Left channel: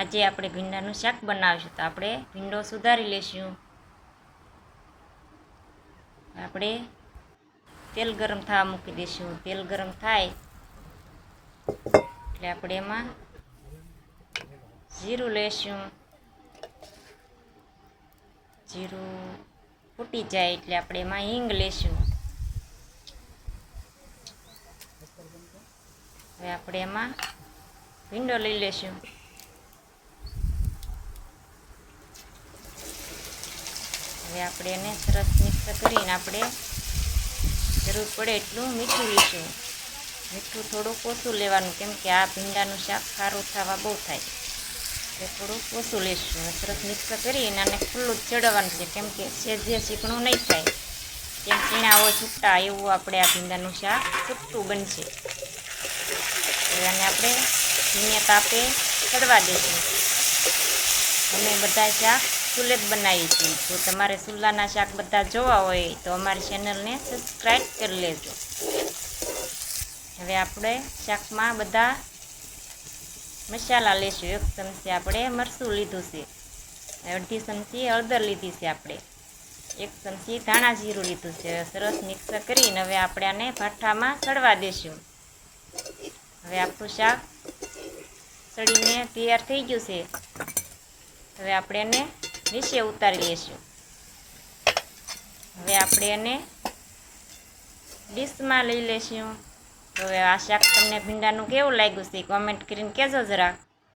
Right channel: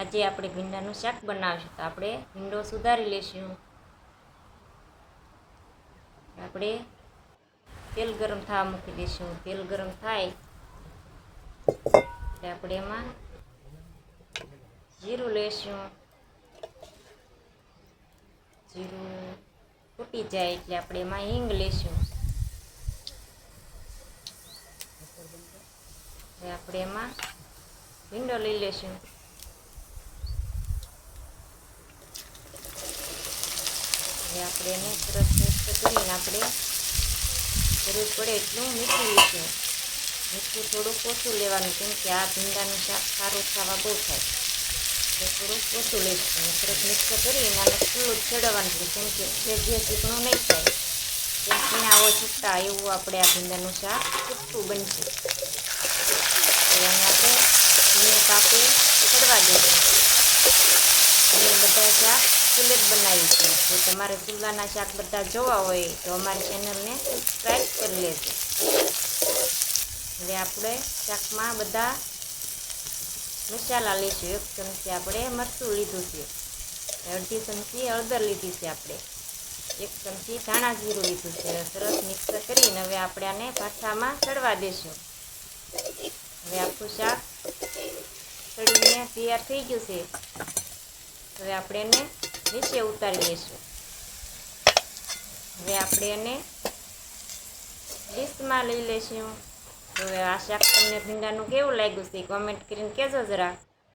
આજે આપણે ભીંડાનું શાક બનાવીશું તો આપણે ભીંડો સુધારી લઈશું। આપણે તેલ ગરમ થવા મૂકી દઈશું। તેલ ગરમ થાય એટલે આપણે એમાં જીરું લઈશું। જીરું ફૂટી જાય એટલે આપણે એમાં હિંગ લઈશું। હવે આપણે એમાં ભીંડો લઈ લઈશું। હવે આપણે એને સરસ મિક્સ કરીને આપણે જરૂર પડે એટલું મીઠું લઈશું। મીઠું થોડુંક ઓછું લેવાનું, કેમ કે આ ભીંડાનું શાક ખારું થવા બહુ થાય એટલે થોડુંક ઓછું લઈશું। સરસ મિક્સ કરીને આને ખુલ્લું જ ચડવાનું છે, કેમ કે જે ચીકણું નહીં થાય, જેમ ચીણા હોય છૂટા એવું આપણે આ ભીંડાનું શાક છૂટું બનશે। હવે આને આપણે ધીમે તાપે ચડવા દઈશું। અમે બધા શાક ચૂલે જ બનાવીએ છીએ। જો તમારે ચૂલાના શાક બધા જોવા હોય તો અમારી ચેનલને સબસ્ક્રાઈબ કરી લેજો। હવે આપણે શાકમાં બધા મસાલા લઈશું। 1 ચમચી આપણે મરચું લીધું છે, 1/2 ચમચી હળદર લીધી છે, આપણે 1 ચમચી ધાણા જીરું લીધું છે। સરસ મિક્સ કરીને હવે આપણે આને ભાઠામાં ચડવા દઈશું। હવે આપણું શાક ચડીને તૈયાર થઈ ગયું છે। હવે આપણે એને નીચે ઉતારી લઈશું। હવે આપણે એને ડીશમાં લઈ લઈશું। તો હવે આ શાક તમને ભીંડાનું કેવું લાગ્યું છે કોમેન્ટ કરીને કહેજો જરા।